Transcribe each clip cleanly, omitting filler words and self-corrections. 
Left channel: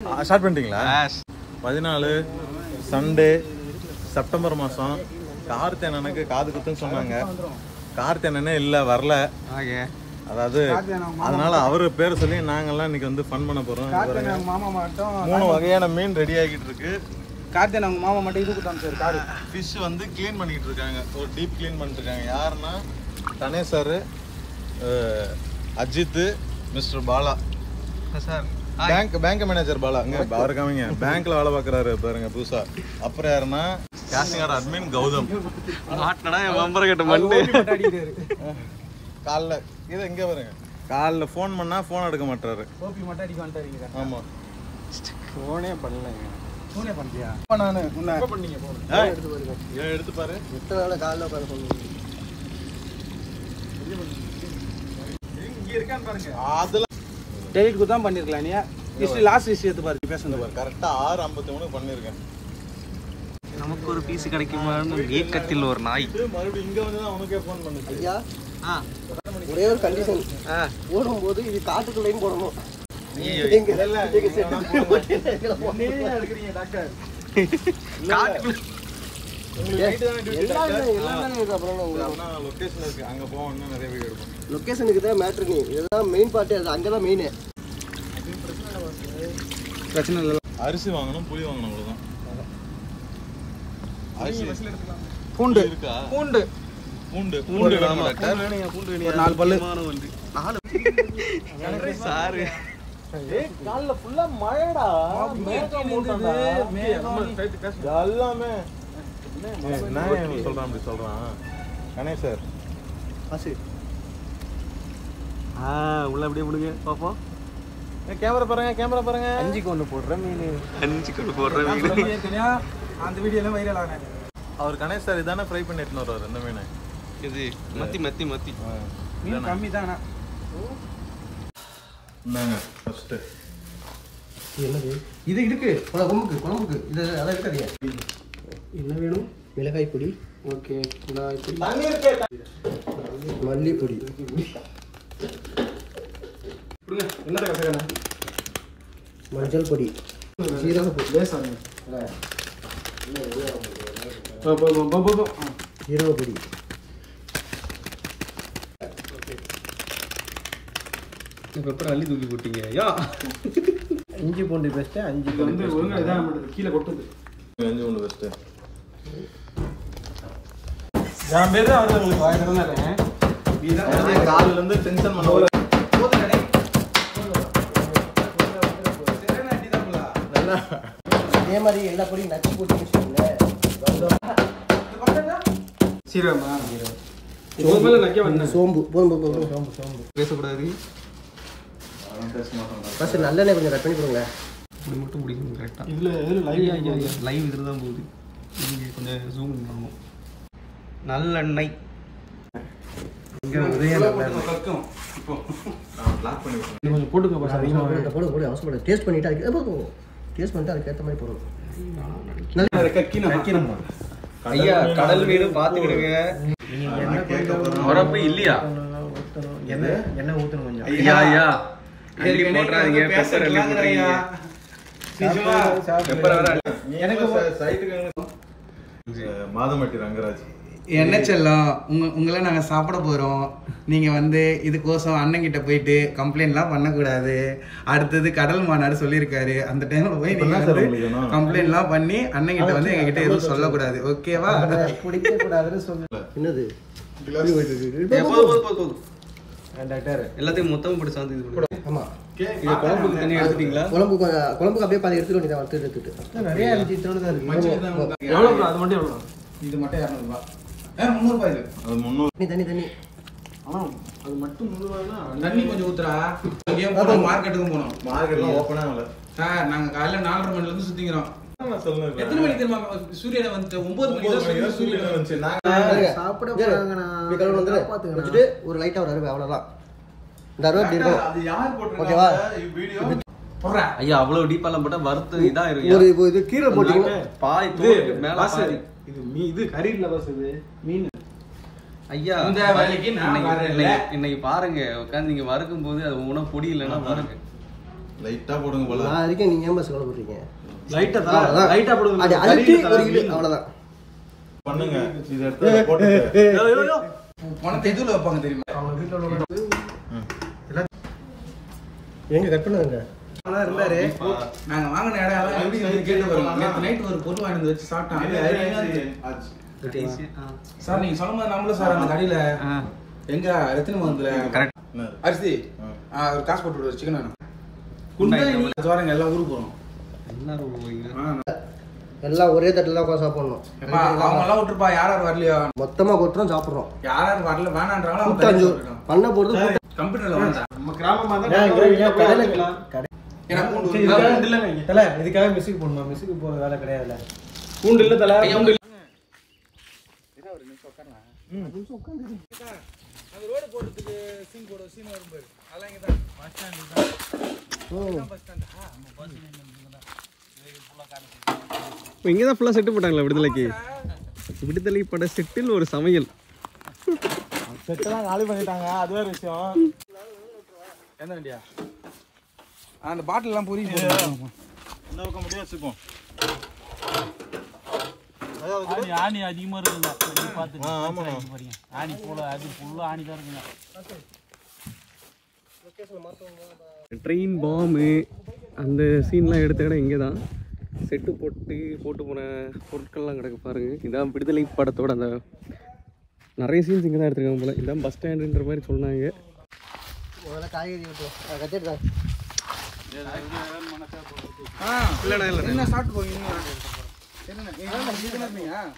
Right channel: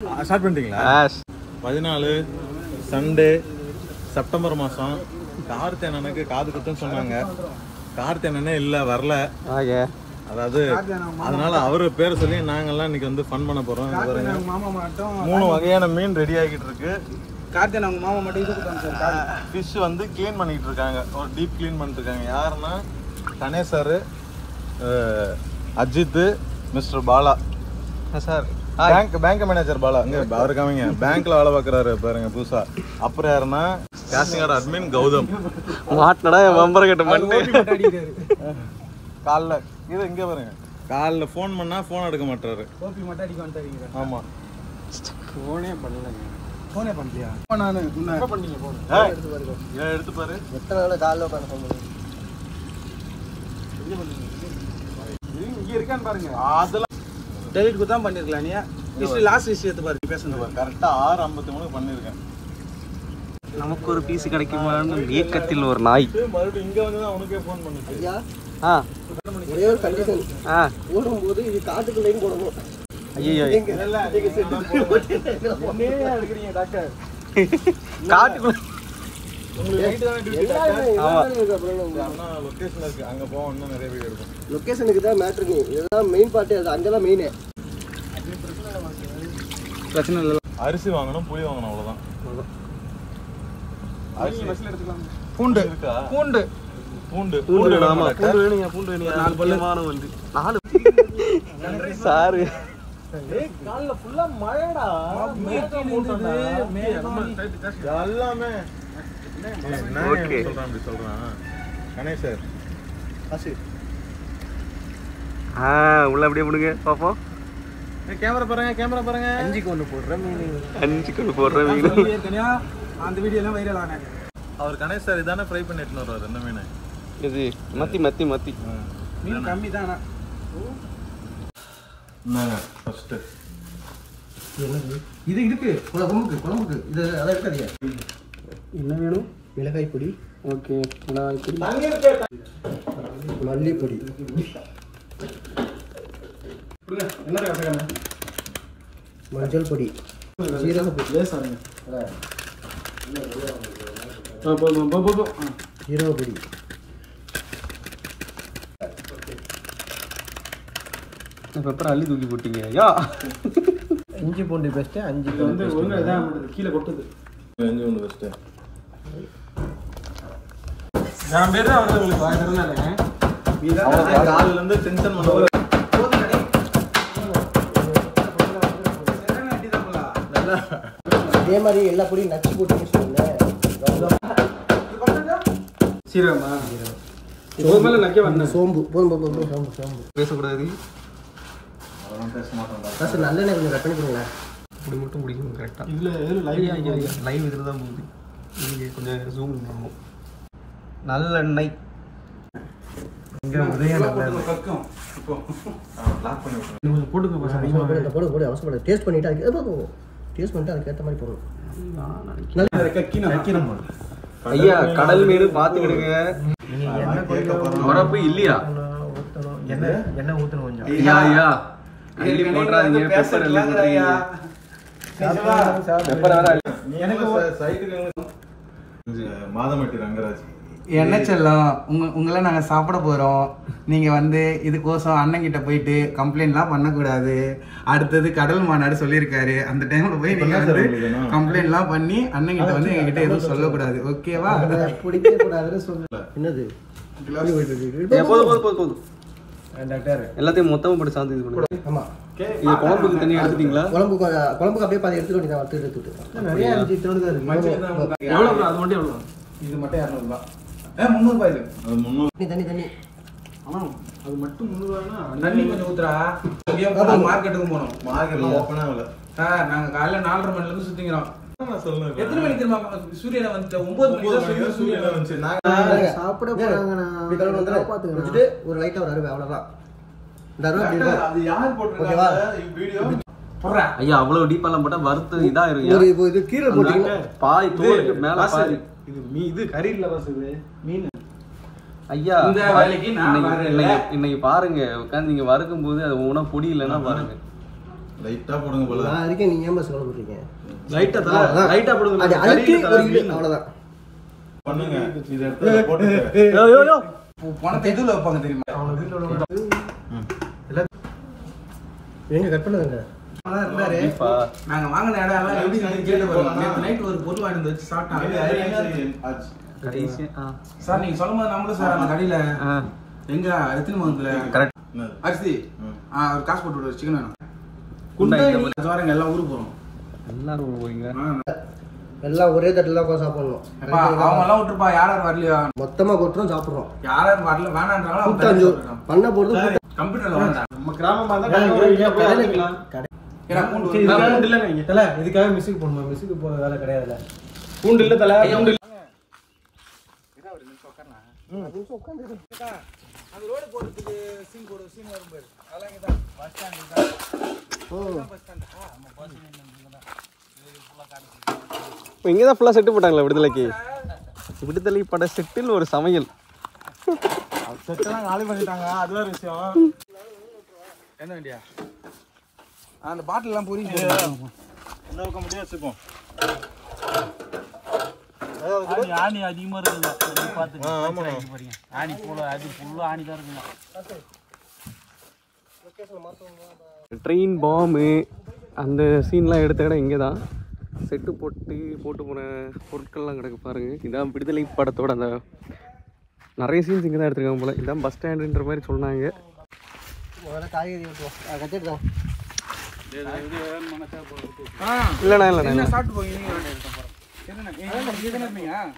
Start பண்ணிட்டீங்களா? 14 Sunday September மாதம் கார்த்தி அண்ணனுக்கு காது குத்துன்னு சொன்னாங்க. கார்த்தி அண்ணனே இல்லை, வரல. அதாவது அதனால அவரு பேர் சொல்லி நாங்கெல்லாம் இன்னைக்கு வந்து ஃபன் பண்ண போறோம். 3 வகையான மீன் ரெடி ஆகிட்டு இருக்கு. கார்த்தி அவங்க மாமா மட்டும் இதுக்கு சார் ஃபிஷ் வந்து கிளீன் பண்ணிட்டு இருக்காங்க. ஒரு டீப் கிளீன் பண்ணிட்டு இருக்காங்க. யாருன்னா Ganesh sir, Ajith, Mister Bala sir, bank manager Bala. அங்க அவருக்காமங்க பேங்க்ல வேலை பார்க்கறாரு பாருங்க புதுசா. அப்புறம் யாருன்னா கேஷிங் அட்மின் கௌதம். மாட்டடா என் பம்பர கட்ட மண்டே காலைல இது இங்கே பாருங்க. காலைல ஃபோன் பண்ணா ஃபோன் எடுக்க மாட்டாரு. கோபி மட்டும் அடிக்க வந்துட்டாருங்க. ஆமா, ஃபோனே பண்ணலங்க. ஃபோனே பண்ணலையா? நானு எப்ப பண்ணீங்க ஃபோன்? எடுத்து பாருங்க. ஏன் எடுத்து பாரு. எத்தனை வேளை காலைல உட்கார்ந்து சொல்லுங்க. இங்க இருக்கான்னு பாருங்க. அதெல்லாம் டெலிட் குதான் பண்ணிருக்கலாம். நீ ஹிஸ்டரி லாஸ்ட் விஷயத்தை பாரு. பேசுங்க பாரு. கரெக்டா 6:53 பண்ணிருக்கேன். நமக்கு ஒரு பீஸ் கிடைக்குமான்னு ஏக்கத்தில் ஒரு நாய் மறுபடியும் இங்க வந்து தான் உனக்கே ஃபோன் பண்ணுச்சு. ஐயா ஒரே ஒரு கண்டிஷன், ஓடும்போது இது காட்டுக்குள்ளையும் போடணும். லொகேஷனுக்கு தான் மேட்ரு. நீ இதுதான் மெயின் பார்ட்டி. அது அங்கதான் மெயின். பிரச்சனை இல்லை. அரிசி வாங்கணும், புளி வாங்கணும், அவ்வளவுதான். அரிசி பஸ்ல எடுத்துக்கலாம். பூண்டு இருக்கா? பூண்டு பூண்டு பூண்டு வேணும். பூண்டு வேணும். பூண்டு வேணும். 4 பல்லமான வந்து 4 சாரு. ஏய் கால்ல ஃபுல்லா மழைடா. எல்லாமே ஓகே சொல்றான். அப்படி சொல்றான் கணேஷ் சார். அசி உள்ள அப்படியே போடுங்க பாப்போம். கேமரா பாருங்க, கேமரா பாருங்க. 5க்கு 1 போடுற மீன். 5க்கு 1 போடுற மீன். ஏற்கனவே அந்த வீடியோ எல்லாம் வைரல் ஆனே. அவர் கணேஷ் சார் இதானே ஃப்ரை பண்ணி எடுத்துன்னு வருவார். என்ன மீன் இது? மத்தி மத்தி மத்தி மீன் கம்மி தானா? என்னங்க ஃபர்ஸ்ட் என்னது இது? இருக்கு குழம்புக்கு இது. அத இருக்காதியா? என்ன வேணும்? மிளகாய் பொடி. ஓகே, மிளகாய் பொடி, மல்லி பொடி. என்ன கசகன? மஞ்சள் பொடி, சீரக பொடி, லேசாங்க. சீரக பொடி, பெப்பர் அள்ளி தூக்கி போட்டீங்க. யா இஞ்சி பூண்டு பேஸ்ட் 5 வந்து ஒழுங்கா இதான் கீழே கொட்டுது. இஞ்சி பூண்டு பேஸ்ட் நான் பேரு அவரு உங்களுக்கு வாங்குறதானே. இதான் கால்ல இருந்து டென்ஷன் பண்ணுவாங்க. இதே மாதிரி எல்லா பொடியும் நச்சு போட்டு சொல்லுங்க. சீரகமா? சோம்பு பேசக்கூடாது. நல்லெண்ணெய் கொஞ்சம் கட் பண்ணி கொடுங்க. இப்படி மட்டும் பிடிக்கணும் கரெக்டா. லைவ் இதில் தான் போகுது. நீங்கள் கொஞ்சம் ஜூம் பண்ணணும். நல்லெண்ணெய் போடு. அவசரப்பட டேஸ்ட் பண்ணிட்டு அதுக்கேற்ற மாதிரி போடுங்க. ஐயா கடல் மீன் பாத்துக்கிடுங்க. உரப்பு இல்லையா? என்ன ஊத்தணும் கொஞ்சம். ஐயா அள்ளி போட்றாதீங்க. பெப்பர் அள்ளி போட்றீங்க. பெப்பர் வர எனக்கு சைடுக்கு மாதமட்டி ரங்கராஜ். என்ன செல்லம், உங்களை நாங்கள் சாப்பிட போகிறோம். நீங்கள் வந்து இதுக்கோசம் அண்ணங்கிட்ட போயிட்டு கம்ப்ளைண்ட்லாம் பண்ணக்கூடாது. அடுத்தது கடல் மாநாடு சொல்லியிருக்காரு. அந்த டைமில் போய் நீங்கள் வந்து கம்ப்ளைண்ட்லாம் பண்ணி அண்ணங்கிட்ட வந்து எங்ககிட்ட எதுவும் சொல்லக்கூடாது. ஓகேவா? பிடிக்கக்கூடாதுன்னு சொல்ல. என்னது போதும் டாக்டர், எல்லாத்தையும் மொத்தமாக போட்டு சாந்து இது பண்ணுங்க. ஆமாம், இது குழம்புக்கு தனியாக எடுத்துட்டீங்களா? குழம்புக்கு அப்படியே பாதி எடுத்துட்டு வேண்டியதான். வறுத்து எடுத்துட்டு எவ்வளோ? அது மட்டும் எவ்வளோ? இது மட்டும் 200 ரூபா. 300 ரூபாய். அது 300. தண்ணி அது மட்டும் 300 ரூபானா தண்ணி கொஞ்சம் ஊத்துறா. மார்க்கெட்டுக்கு போனோம். மார்க்கெட்ல ஓபனா இல்ல சார். நாங்க காலையில 4:30 மணில இருந்து சுத்திக்கிறோம். நான் சொல்லுங்க. எத்தனை மணிக்கு தெரியுமா சூரியனை வந்து 9 மணிக்கு சூரியனை வந்து நாங்க சாப்பிட போறாங்கனா வீட்ல வந்து பாத்துக்கிட்டு ஒரு லைட்டா ஒரு அருவே அவ்வளவுதான். இந்த அருவே டீப். அது யார் போட்டுருக்காங்க இந்த வீடியோ? போறா ஐயா அவ்வளவு டீப்பாலாம் போட்டா வறுத்து இதா இருக்கும். ஒரு இது கீரை போட்டீங்க. பாய் தோலுக்கு மேல பாய். இது கறி இல்ல பாஸ். இது மீன். ஐயா இன்னைக்கு பாருங்க உட்காந்து நீங்க வறுக்கும் போது அது உணவு பொடி இல்லைன்னா பாருங்க. லைட்டா போடுங்க போல. நான் இருக்கேன், நீங்க ஏன் பஸ் கவலைப்படுறீங்க? லைட்டா போடுங்க. அது அழுத்தி ஒரு இழு, அவ்வளவுதான். பண்ணுங்க. இது எடுத்து போட்டு உனக்கு எதுல வைப்பாங்க தெரியுமா? எங்க கட் பண்ணுங்க. இருந்தாரு நாங்க வாங்கின இடம் எல்லாம் எப்படி கேட்டு வருவாங்க. நைட் ஒரு பொருள் வாங்கி வச்சு சாப்பிட்டாங்க. சார் நீங்க சொல்லும்போது நம்மளும் சார் அந்த கடையில எங்க எத்தனை மந்த்ல அரிசி ஒரு காசு போட்டு விடுவாரு சிக்கன் குண்டாங்க எல்லாம் ஊருக்கு போறோம். எல்லாம் ஒரே தட்டுல தான் சாப்பிடணும். அவங்க எல்லாம் விட்டுருப்பா. யார் யார் வரலையா மொத்தமா கொட்டுறோம், சாப்பிடுறோம். யார் யார் வரல வேணான்றாலும் கூட்டாஞ்சோறு பண்ண போறது. கம்ப்யூட்டர்ல வாங்க. நம்ம கிராமமா தல இதுக்காக மிஸ்ஸுக்கு போடணும். மிஸ்ஸுக்கு போற வேலை கிடையாதுல. பூண்டு இல்ல தல, பூண்டு இல்ல. அந்த ரோடு போறதுக்கு சீன் வரும்போது அதெல்லாம் இங்க தான் பஸ் ஸ்டாண்ட் தான். பஸ் ஸ்டாண்ட் நம்ம பஸ் ஸ்டாண்ட் ஃபுல்லா காமிச்சு. இப்போ இங்கே தான் ஃபுல்லாக செட்டு போட்டாங்களா விடுதலைக்கு? விடுதலை பட செட்டுன்னு ஒரு சமையல் செட்டுலாம் காலி பண்ணிட்டாங்க. அது வேற விஷயம். என்ன வண்டியா? அந்த பாட்டில் எல்லாம் புரியுது. என்ன இருக்க முடியாது வச்சுப்போம். ஆணி அதிகமா இருக்குங்க. பார்த்து ஆமா பாருங்க. ஆணி போல அது ஃபுல்லா ஆணி தான் இருக்குங்க. ட்ரெயின் பாம்பு அந்த சீன்லாம் எடுத்த இடம் இங்கே தான். செட்டு போட்டு போன பொருட்கள்லாம் கிடக்க பாருங்க. இதான் விடுதலை படத்தோட அந்த நிறைய சீன்ஸ் இங்கே தான் எடுத்துருக்காங்க போல. இதான் பஸ் ஸ்டாண்டுன்ற மாதிரி சொன்னாங்க. இல்லைண்ணா இல்லைண்ணா சாப்பிட்டு போவீங்க.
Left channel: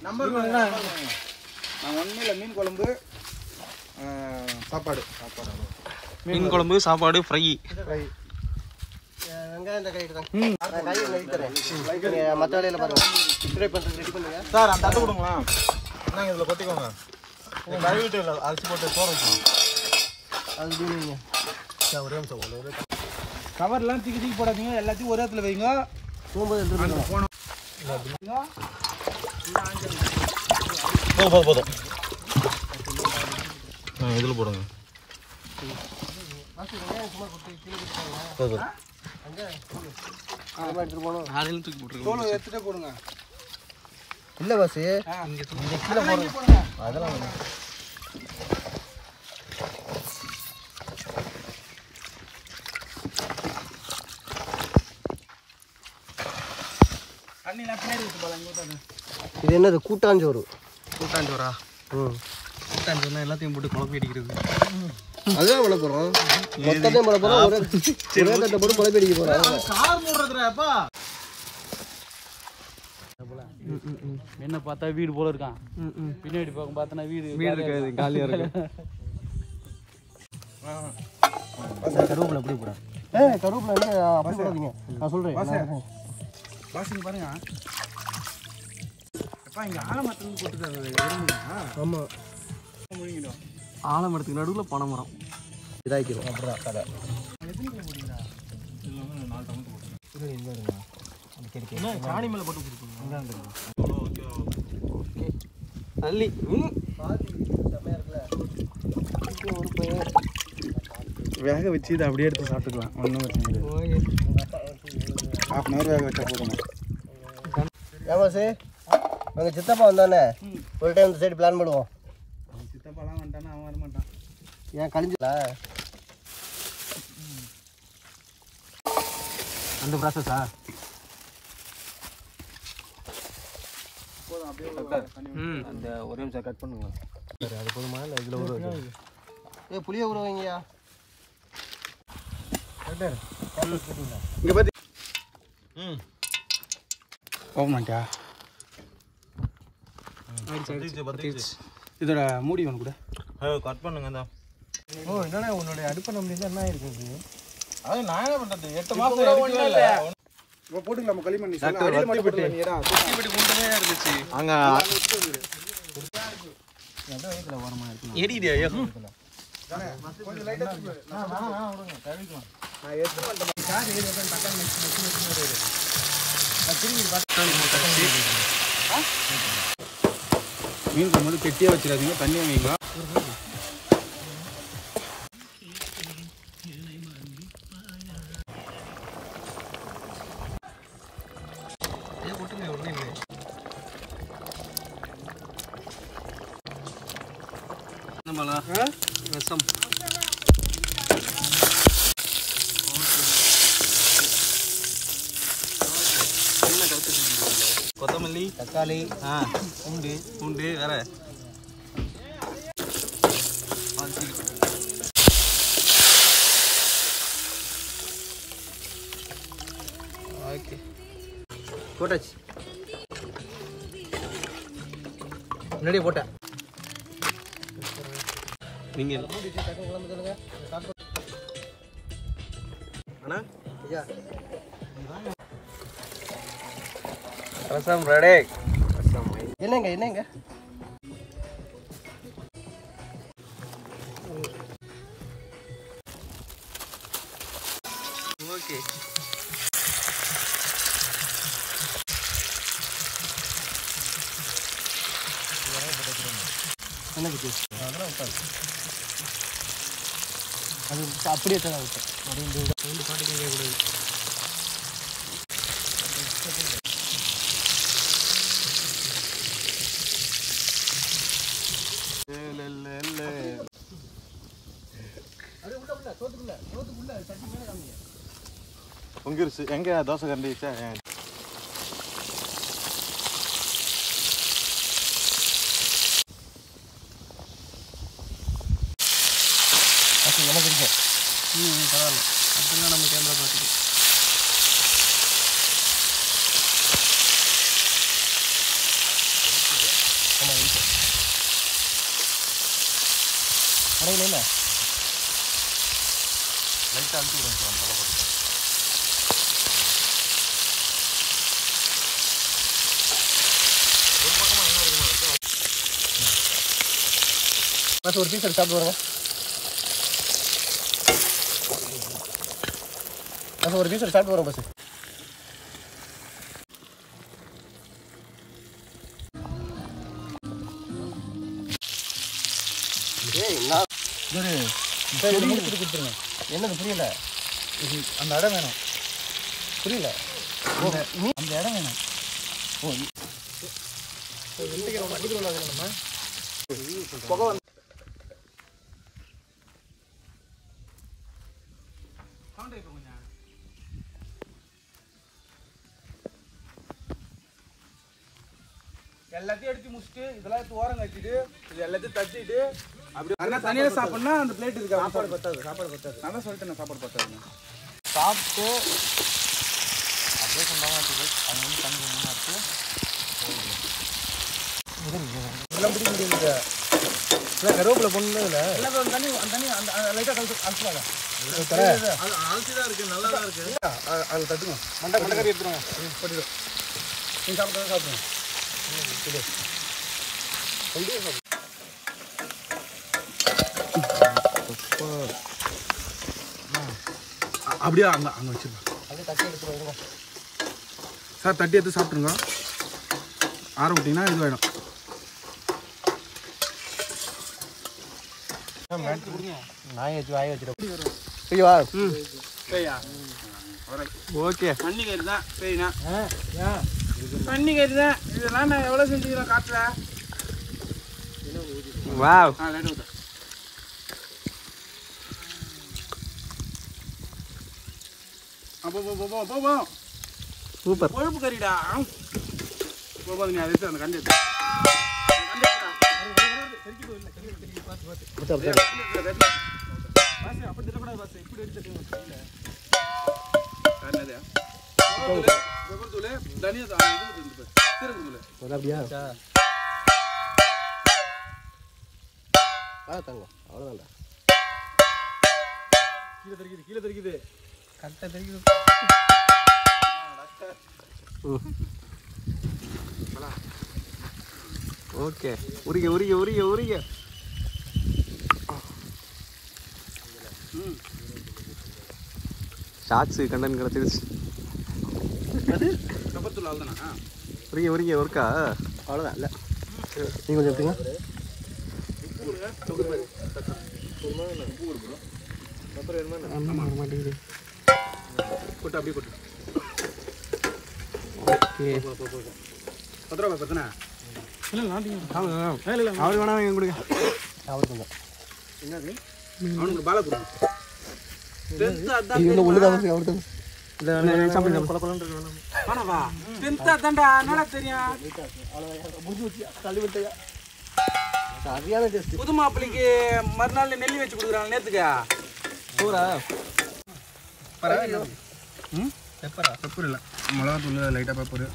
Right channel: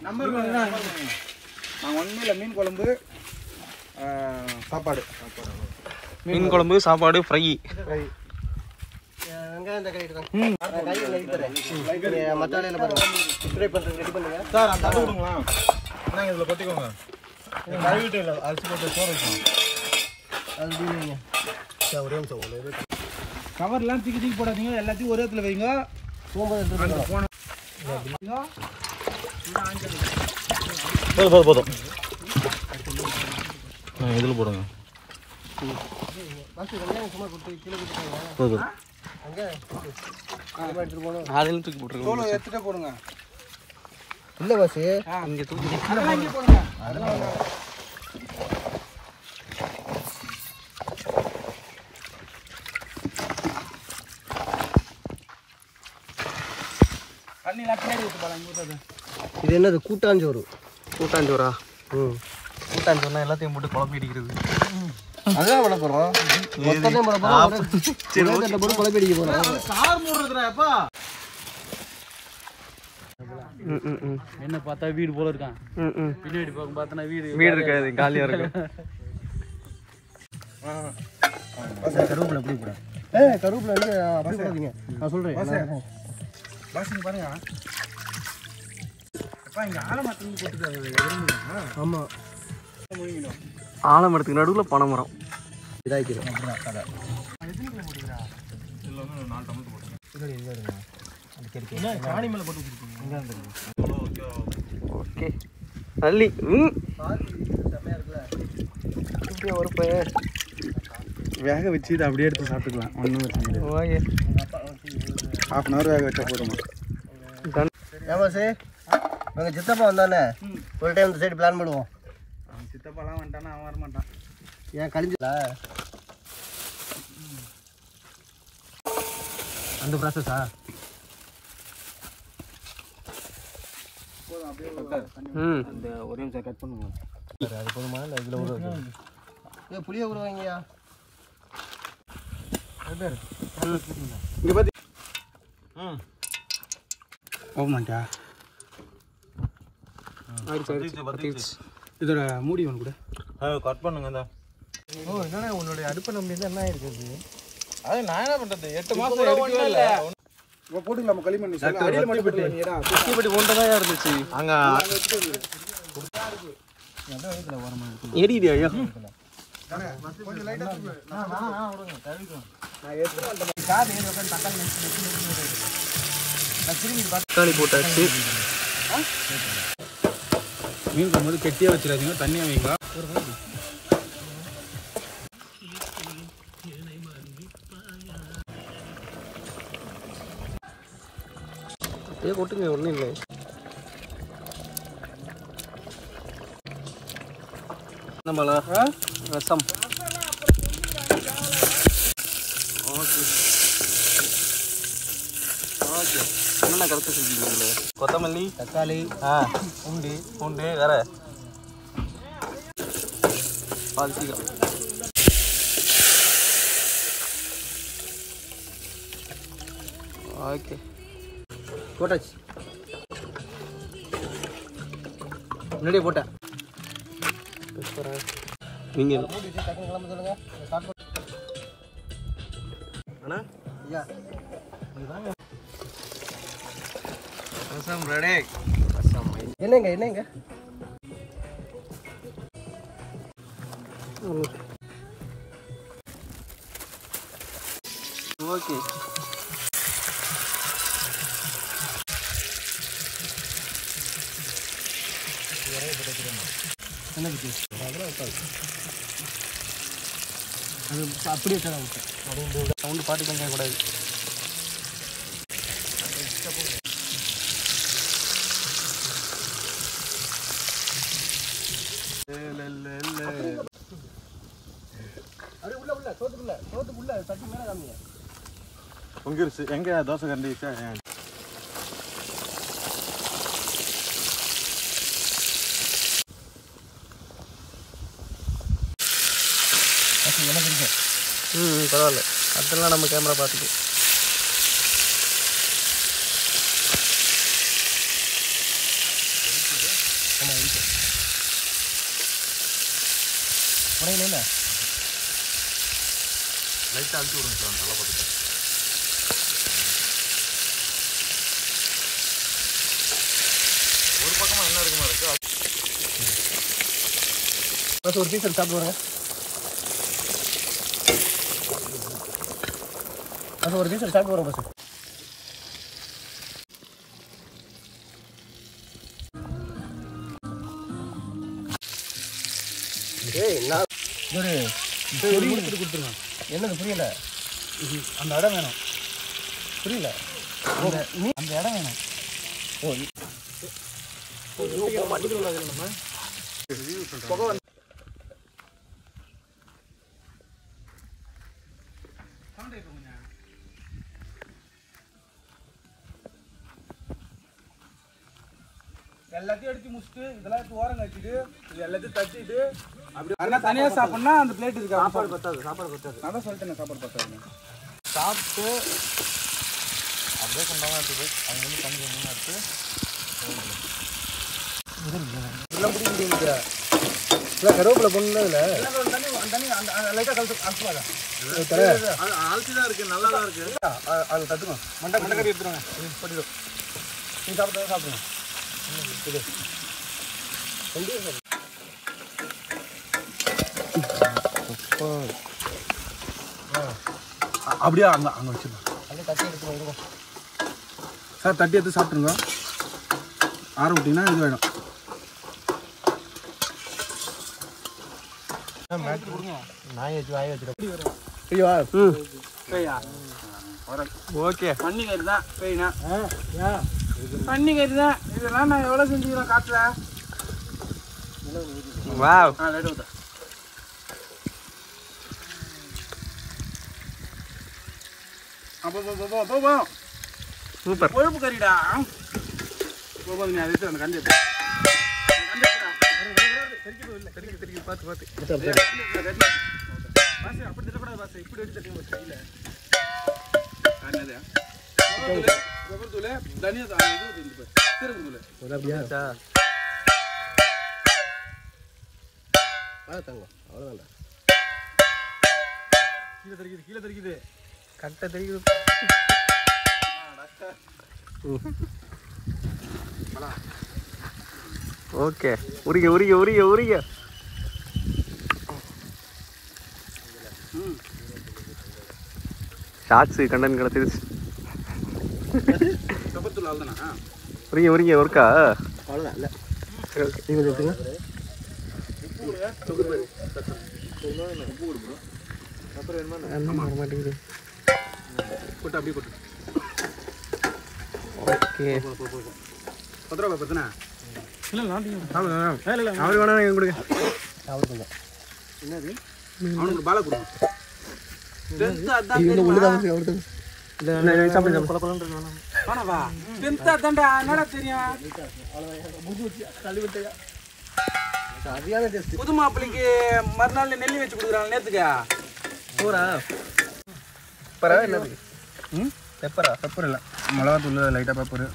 நம்பர் நான் ஒன்றும் இல்லை. மீன் குழம்பு சாப்பாடு. மீன் குழம்பு சாப்பாடு ஃப்ரை. சார் அந்த அட்டை கொடுங்களா? நாங்கள் இதில் கொட்டிக்கோங்க. கழுவிட்டு இல்லை அரிசி போட்டு சோறு வைக்கணும். ஒரே நிமிஷம். கவர்லாம் தூக்கி போடாதீங்க. எல்லாத்தையும் ஒரே இடத்துல வைங்க. போதும். இதில் போடுங்க. எடுத்துட்டே போடுங்க. இல்ல பஸ் இங்க இது என்னது? கூட்டாஞ்சோறு. கூட்டாஞ்சோறா? கூட்டாஞ்சோறுனா எல்லாத்தையும் போட்டு குழம்பி அடிக்கிறது. அதான் வளர்க்குறோம். போட்டு குழம்பி அடிக்க போறோம். கார் மூடுறதுப்பா. என்ன பார்த்தா வீடு போல இருக்கான். பின்னாடி பக்கம் பார்த்தனா வீடு இருக்காது, காலியா இருக்கும். கருவேப்பிலை எப்படி போட? கருவேப்பிலை வந்து அப்படி போடாதீங்க. நான் சொல்றேன். பாசிங்க பாருங்க. அப்பா இங்க ஆலமரத்துல போட்டுட்டாங்க. ஆமா, முழுங்கிடும். ஆலமரத்துக்கு நடுவுல பனைமரம் இதாக்கிறோம். சாணி மேல போட்டு கொடுப்பீங்க. ஓகே நல்லி. வேக வச்சு இதை அப்படியே எடுத்து சாப்பிட்டுக்கலாம். ஒன்றும் பிரச்சனை கிடையாது. ½ அன் ஹவர் வேக வச்சா போதுமா? ஏமாசு அங்கே சித்தப்பா வந்தானே ஒரு டைம் இந்த சைடு பிளான் பண்ணுவோம். சித்தப்பாலாம் வந்துட்டானா அவன் வரமாட்டான். ஏன் கழிஞ்சல அந்த ப்ராசஸா? அந்த ஒரே நிமிஷம் கட் பண்ணுங்க. அது போதுமா? இல்லை இதில் ஊற வைக்க புளிய ஊற வைங்கயா. இங்கே பார்த்தி போக மாட்டியா? இதோட மூடி ஒன்று கூட கட் பண்ணுங்க. தான் என்னன்னா உன்னுடைய அடுப்பை நம்பி தான் என்ன இருக்குது? அது நான் என்ன பண்றது? 8 மாசம் எடுக்கவே இல்லை. இப்போ போட்டுக்கலாம். நம்ம களிமண் அடியில் மட்டும் போட்டுக்கலாம். நீடா சுத்திப்பட்டி ஒன்று தான் இருந்துச்சு அங்கே. எரியுது ஐயோ. தக்காளி போட்டாச்சு. மீன் போகும்போது கெட்டியாக வச்சிடாதீங்க. தண்ணி வாங்கிங்களா? ஏன் கொட்டுங்க ஒன்றும் இல்லை. நம்மளா ரசம். என்ன கலக்க செஞ்சீங்க? கொத்தமல்லி, தக்காளி, பூண்டு பூண்டு வேற பால் சீக்கிரம். ஓகே போட்டாச்சு. முன்னாடியே போட்டேன். நீங்கள் அண்ணா ரசம் ரெடி. என்னங்க ஓகே. அப்படியே சவுண்டு பாட்டு பண்ண கூடாது. பொங்கிருச்சு. எங்க தோசை கரண்டி வச்சா? பரவாயில்ல, அதெல்லாம் நம்ம கேமரா பார்த்துட்டு. இல்லை லைட்டாக அழுத்தி விடுங்க சார். தலை போட்டு ஒரு பக்கமாக என்ன இருக்குமா இருக்கு. பஸ் ஒரு பீஸ் எடுத்து சாப்பிட்டு வருங்க. பஸ் ஒரு பீஸ் எடுத்து சாப்பிட்டு வரோம். பஸ் முடிச்சுட்டு கொடுத்துருங்க. என்னது புரியல? அந்த இடம் வேணும். புரியல? அந்த இடம் வேணும். எல்லாத்தையும் எடுத்து முடிச்சுட்டு இதெல்லாம் எடுத்து ஓரம் கட்டிட்டு இது எல்லாத்தையும் தட்டிட்டு அப்படி தனியா சாப்பிடனா அந்த பிளேட் இருக்கு. சாப்பாடு பத்தாது. நான் தான் சொல்லிட்டேன் சாப்பாடு பத்தாது. சாப்பிட்டு அப்படியே கொண்டாந்து அவங்க வந்து தண்ணி ஒன்றுமா இருக்கு. எல்லாம் பிடிக்க முடியாது. இல்லை கருவேப்பிலை பொண்ணு இல்லை. தண்ணி அந்த லைட்டாக கலந்து அனுப்பலாங்க. ஆழ்த்தி தான் இருக்கு. நல்லா தான் இருக்கு. அது தட்டுக்கணும். மண்டை கறி எடுத்துருவாங்க. போட்டுடும். நீங்கள் சாப்பிட்டா சாப்பிடுங்க. அப்படியே அங்கே வச்சுருங்க சார். தட்டி எடுத்து சாப்பிட்ருங்க. ஆற விட்டிங்கன்னா இது வேணும். ஓகே. தண்ணி கறி தான் சரிண்ணா. தண்ணி கறி தான். இதெல்லாம் நான் எவ்வளோ செஞ்சுக்கிறோம் காட்டில். வாவ். லைட் ஊற்ற அப்போ சூப்பர். கொழுப்பு கறிடா. போது நீ அதை அந்த கண்டு கீழே தெரிக்குது. கட்டை தெரிக்குது. ஓகே. உரிக. ஷார்ட்ஸு கண்டன் கிடச்சிருச்சு. உரிங்க ஒர்க்கா. அவ்வளோதான். இல்லை நீங்கள் கொஞ்சம் எடுத்துங்க. கொட்டு அப்படியே கொட்டு. ஓகே 10 ரூபா பத்தனா அவரு வேணா எங்க கொடுங்க என்னது அவனுக்கு பால கொடுங்க இது உள்ளுதான் அவருக்கு இல்ல சாப்பிடுங்க கொல கொலன்னு வேணாம் ஆனவா 10th அதான்டா என்னடா தெரியும் தள்ளி விட்டயா புது மாப்பிளைக்கு மறுநாள் நெல்லி வச்சு கொடுக்குறாங்க நேத்துக்கு சூரா பெப்பரா என்னது பெப்பரா பெப்பர் இல்லை மிளகாத்தூள் லைட்டாக பெப்பர்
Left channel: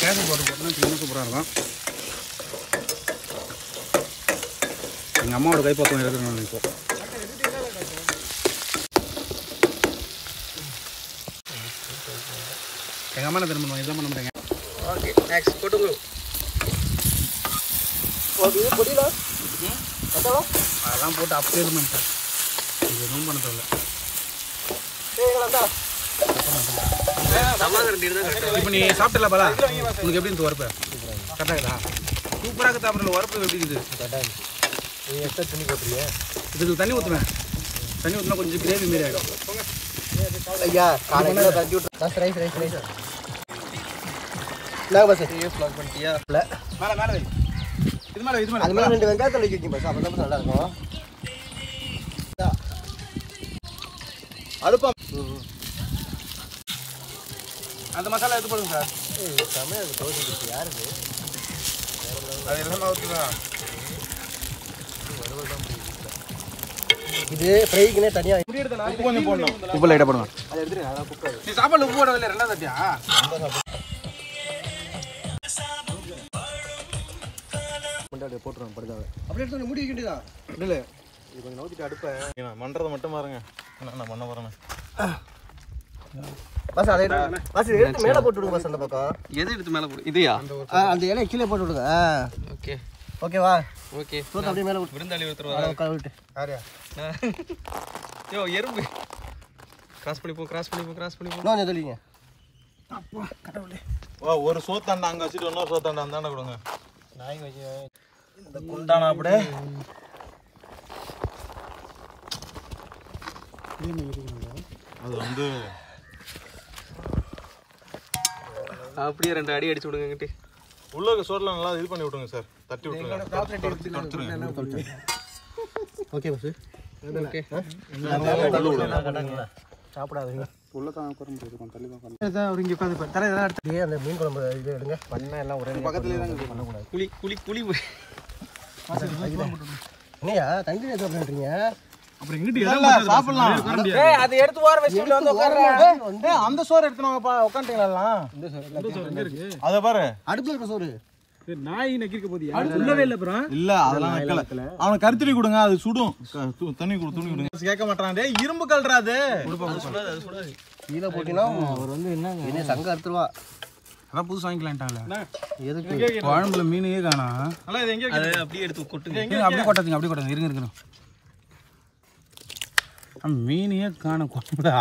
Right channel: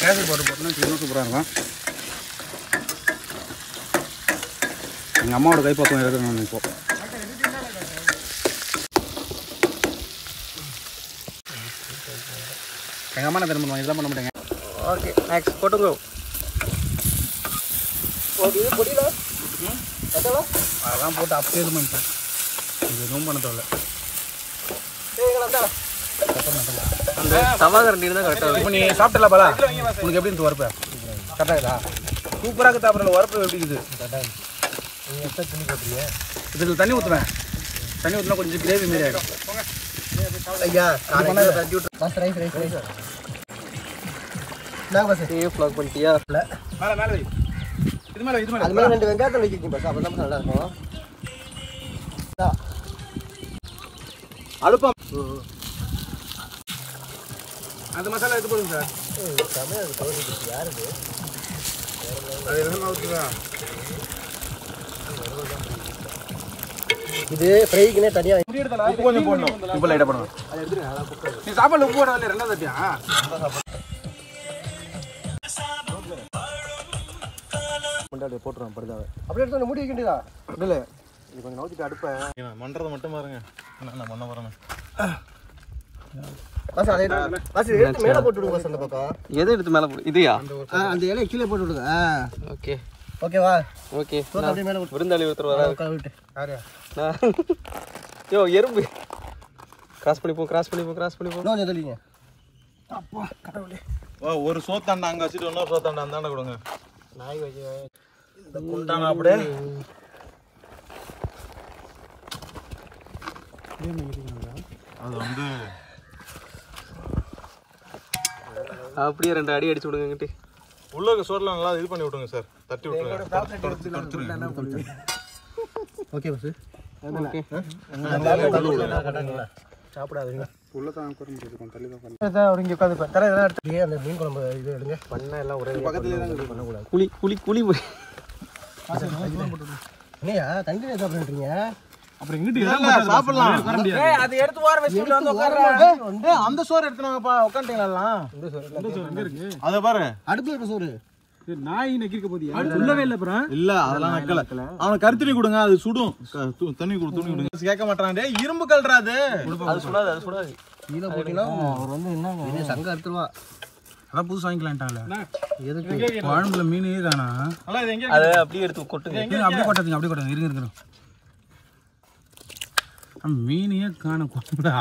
கேசரி போட்டு சூப்பராக இருக்கும் எங்கள் அம்மாவோட கைப்பக்கம் இருக்கிறேன் இப்போ எங்கள் அம்மா நான் திரும்ப இதெல்லாம் பண்ண மாட்டேங்க ஓகே நெக்ஸ்ட் போட்டு ப்ரோ அதெல்லாம் போட்டு அப்படியே இது பண்ணிட்டேன் இது எதுவும் பண்ண தேவையில்ல தவாகரண்டி தான் கரெக்டாக இப்போ நீ சாப்பிட்டல பாலா உனக்கு எப்படி இருந்து வரப்ப கரெக்டாக இருக்கா சூப்பராக இருக்குது அப்புறம் வரப்பு எப்படி இருக்குது தண்ணி போட்டுருங்க இதில் தண்ணி ஊற்றுவேன் தண்ணி ஊற்றினா கொஞ்சம் கிரேவி மாரி ஆகிடும் ஐயா தண்ணி விட்டு ரைஸ் ரைஸ் ரைஸ் நான் பஸ் ஃப்ளாக் பண்ணிட்டியா இல்லை மேலே மேலே இது மேலே இது அது மேலே மேலே 2 வெங்காயத்தை வைக்கிங்க பஸ் அப்போ நல்லா இருக்கும் அடுப்பா அந்த மசாலா எடுத்து போடுங்க சார் தமிழ் தோசை யாருது அது எல்லாமே ஊற்றுதான் இது ஃப்ரைக்குனே தனியா உப்பு லைட்டாக போடணும் நீ சாப்பாடு உப்பு போட இல்லை 2வது தட்டியா போட்டுருவோம் படுதாவை அப்படியே எடுத்து மூடி வைக்கிட்டா இல்லை இது கொஞ்சம் நோத்திட்டு அடுப்பேன் நான் பண்றதை மட்டும் பாருங்க நான் பண்ண போறேன் பஸ் அதை எடுத்து மேலே போட்டு விடுங்க பஸ் அந்த பக்கம் எதை எடுத்து மேலே போடு இதையா அந்த இலையை கீழே போட்டு விடுங்க ஓகே ஓகேவா ஓகே அப்படியே மேலே விருந்தாளி ஒருத்தர் வர விட்டு யாரையா யோ எறும்பு கிராஸ் பண்ணிப்போம் கிராஸ் பண்ணிப்போம் கிராஸ் பண்ணிப்போம் கொஞ்சம் தெளிங்க அப்பா கடவுளே ஒரு சோத்தாண்டா அங்க வச்சுட்டு இன்னொரு சோத்தாண்டா அந்தாண்ட கொடுங்க நாய் வச்சு குண்டானா அப்படியே அது வந்து அப்படியே 2 அடி அடிச்சு விடுங்க உள்ள இருக்க சோறுல நல்லா இது பண்ணி விட்டுருங்க சார் தட்டி விட்டுருங்க ஓகே பஸ் சாப்பிடாதீங்க உள்ள தான் உட்கார முடியாது கொஞ்சம் தள்ளி தான் அவர் இங்கே உட்காந்து தர இதெல்லாம் எடுத்து அந்த மீன் குழம்பு இது எடுங்க பண்ண எல்லாம் ஒரே பக்கத்துலேயே தான் பண்ணக்கூடாது குழி குழி குழி என்னையா தண்ணி சாப்பிட்றீங்க அப்புறம் இங்கிட்டு சாப்பிடலாம் அதை எடுத்து ஓர வச்சுட்டு வந்து உட்காருங்க அந்த சோறு எடுத்துனாங்கப்பா உட்காந்துட்டீங்களா இந்த சோறு எங்க இருக்கு அத பாரு அடுப்புல இருக்க சோறு நாய் நக்கிருக்க போதியா சொல்லவே இல்லை அப்புறம் இல்ல அதெல்லாம் நக்கல அவனுக்கு கருத்துணி கொடுங்க அது சுடும் தண்ணி கொடு துணி கொடுங்க கேட்க மாட்டான் டேய் இரும்பு கல்றா அது சுடாது அது சுடாது கீழே போட்டீங்கன்னா அவர் வந்து என்ன சங்க அடுத்துருவா அதான் புதுசு வாங்கிக்கலான்ட்டாங்களே எதுக்கு குழம்புல மீனையே காணா அல்ல இது எங்க அதை அப்படியே எடுத்து கொட்டுங்க அப்படியே கொட்டாதீங்க அப்படியே கொட்டாதீங்க இருங்க மீனையே காண குழம்புடா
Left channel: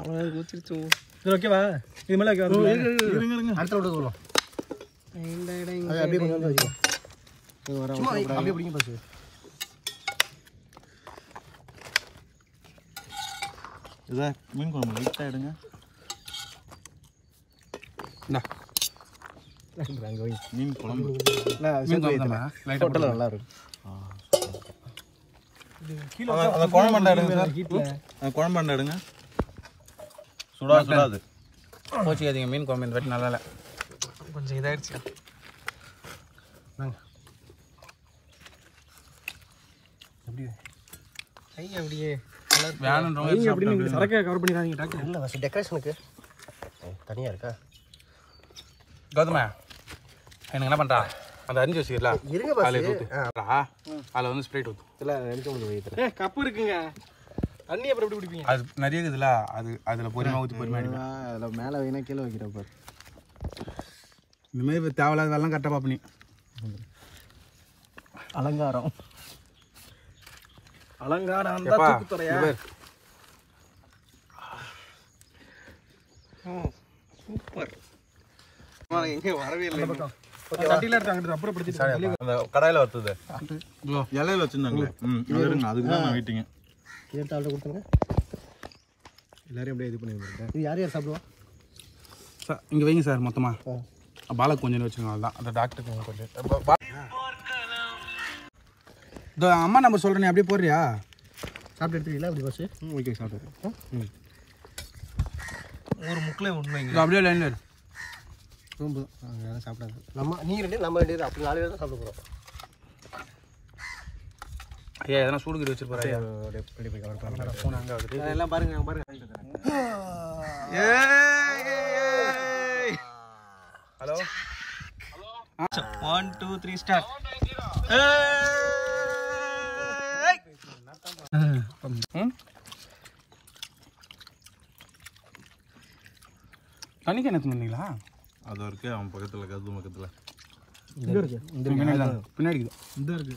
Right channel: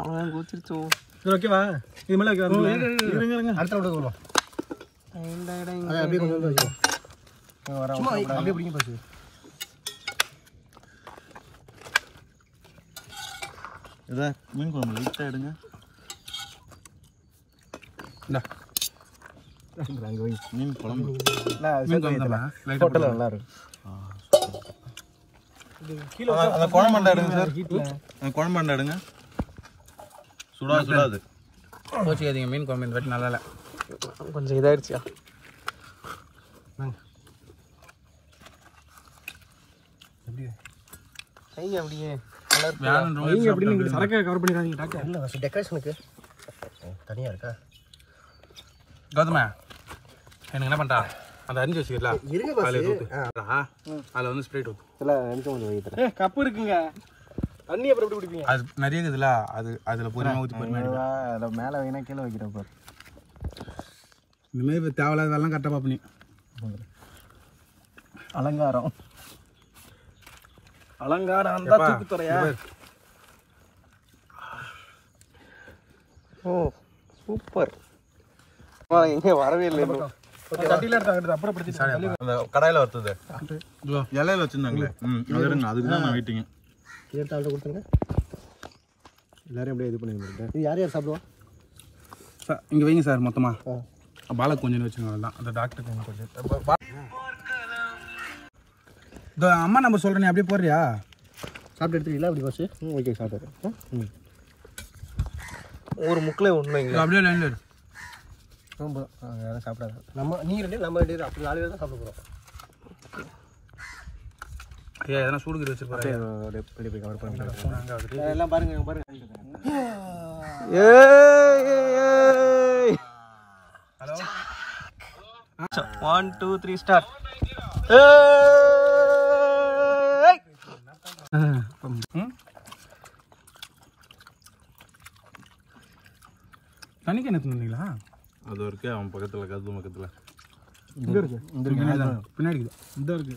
அவ்வளோதான் கோச்சிருச்சோ இது ஓகேவா இது மேலே அடுத்த விட சொல்லுவோம் அப்படியே கொண்டு வந்து வச்சுக்கோ சும்மா அப்படியே பிடிங்க பாசு இத மீன் குழம்பு லைட்டா எடுங்க மீன் குழம்பு லைட்டா நல்லா இருக்கு அந்த குழம்பு எடுங்க சார் குழம்பு எடுங்க சுடாது போச்சுக்காதீங்க மீன் குழம்பு இந்த வாட்டி நல்லா இல்லை கொஞ்சம் இதாயிடுச்சியா கை அப்படியே சரக்கை கவர் பண்ணிடாதீங்க டாக்டர் இல்லை ஃபஸ்ட் டெக்கரேஷனுக்கு தனியாக இருக்கா கௌதம எனக்கு என்ன பண்ணுறா அந்த அரிஞ்சு வச்சுக்கலாம் இருங்க பாஸ் அதில் வந்து ஸ்ப்ரைட் ஊற்று இல்லை நினைக்க முடியும் கப்பு இருக்குங்க தண்ணி அப்புறம் எப்படி குடிப்பீங்க அது நிறைய இருக்குதுல்ல அது அதில் பொறுமையாக ஊற்றி பொறுமையாக அதில் மேலே வேணா கீழே வைக்கிறேன் பாரு இந்த மாதிரி தேவையில்லாத வேலைலாம் கரெக்டாக பார்ப்பனி அலங்காரம் அலங்காரம் ஓ சூப்பர் எங்கே வரவே இல்லை அந்த கடாயில வச்சது இலையில வச்சிருந்தாங்களே அதுக்கு தான் நான் வெயிட்டிங்க. எல்லாரும் அப்படியே இது பண்ணிருக்கேன். இது யார் யார் சாப்பிடுவா சார்? இங்கே வைங்க சார் மொத்தமாக. பாலக் கொஞ்சம் வச்சுருங்க, அதுதான் அந்த டாக்டருக்கு கொஞ்சம். இதோ அம்மா நம்ம சொல்கிறேன், அப்படியே போடுறியா? சாப்பிட்டு எடுத்துக்கல அப்படி ஃபஸ்ட்டு. ஓகே சாப்பிட்டு ஒரு முக்கில் ஒன்று அப்படியே லைனில் இரு. சாப்பிடாது நம்ம நீங்கள் ரெண்டு நம்ம ரெண்டு அப்படி 4 பேர் தான் சாப்பிட போகிறோம். ஐயா எதனா சூடுகிற வச்சிருப்பாரு. எல்லாம் பாருங்க பாருங்க. Hello 1 2 3 start. தண்ணிக்கு என்ன சொன்னீங்களா? அது இருக்கு அவன் பக்கத்துல கது பக்கத்துல இங்கே இருக்கு, பின்னாடி தான், பின்னாடி இந்த இருக்கு.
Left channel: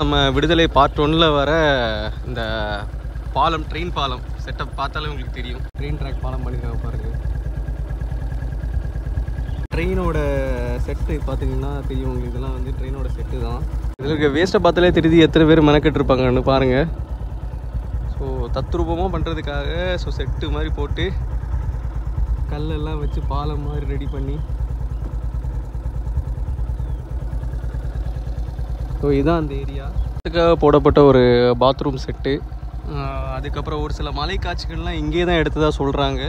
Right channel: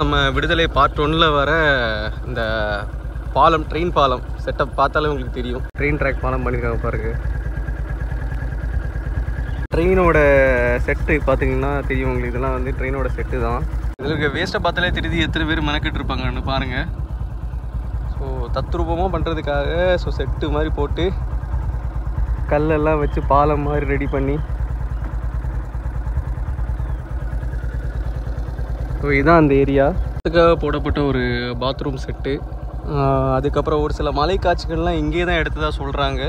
நம்ம விடுதலை பார்ட் 1ல் வர இந்த பாலம், ட்ரெயின் பாலம் செட்டப் பார்த்தாலே உங்களுக்கு தெரியும். ட்ரெயின் ட்ராக் பாலம் பண்ணியிருக்காங்க பாருங்க. ட்ரெயினோட செட்டு பார்த்தீங்கன்னா தெரியும் உங்களுக்கு. இதெல்லாம் வந்து ட்ரெயினோட செட்டு தான். இதில் வேஸ்ட்டை பார்த்தாலே தெரியுது எத்தனை பேர் மெனக்கெட்டு இருப்பாங்கன்னு பாருங்கள். ஸோ தத்ரூபமாக பண்ணுறதுக்காக ஸோ செட்டு மாதிரி போட்டு கல்லெல்லாம் வச்சு பாலம் மாதிரி ரெடி பண்ணி, ஸோ இதுதான் அந்த ஏரியா. அதுக்காக போடப்பட்ட ஒரு பாத்ரூம் செட்டு. அதுக்கப்புறம் ஒரு சில மலை காட்சிகள்லாம் இங்கே தான் எடுத்ததாக சொல்கிறாங்க.